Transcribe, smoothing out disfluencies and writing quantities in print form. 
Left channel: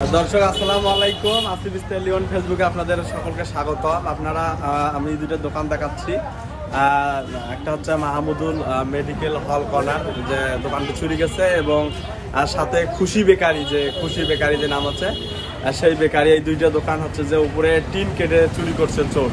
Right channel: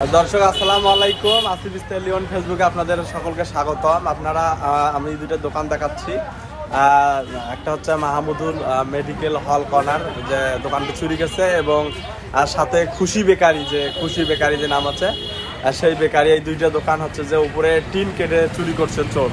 দর্শক আসসালামু আলাইকুম, আসিফ স্টাইল লিওন ফেসবুকে আপনাদের সকলকে স্বাগতম। আপনারা আমি দুটো দোকান দেখাচ্ছি। একটা হচ্ছে মাহমুদুল মেডিকেল হল কর্নার, যে দোকানটি চুরি গেছে, এবং সাথে খুশি বেকারি যে নাম আছে, সেই বেকারি। এই দুইটা দোকান হচ্ছে যে উপরে টিন কেটে চুরি করছে চোর।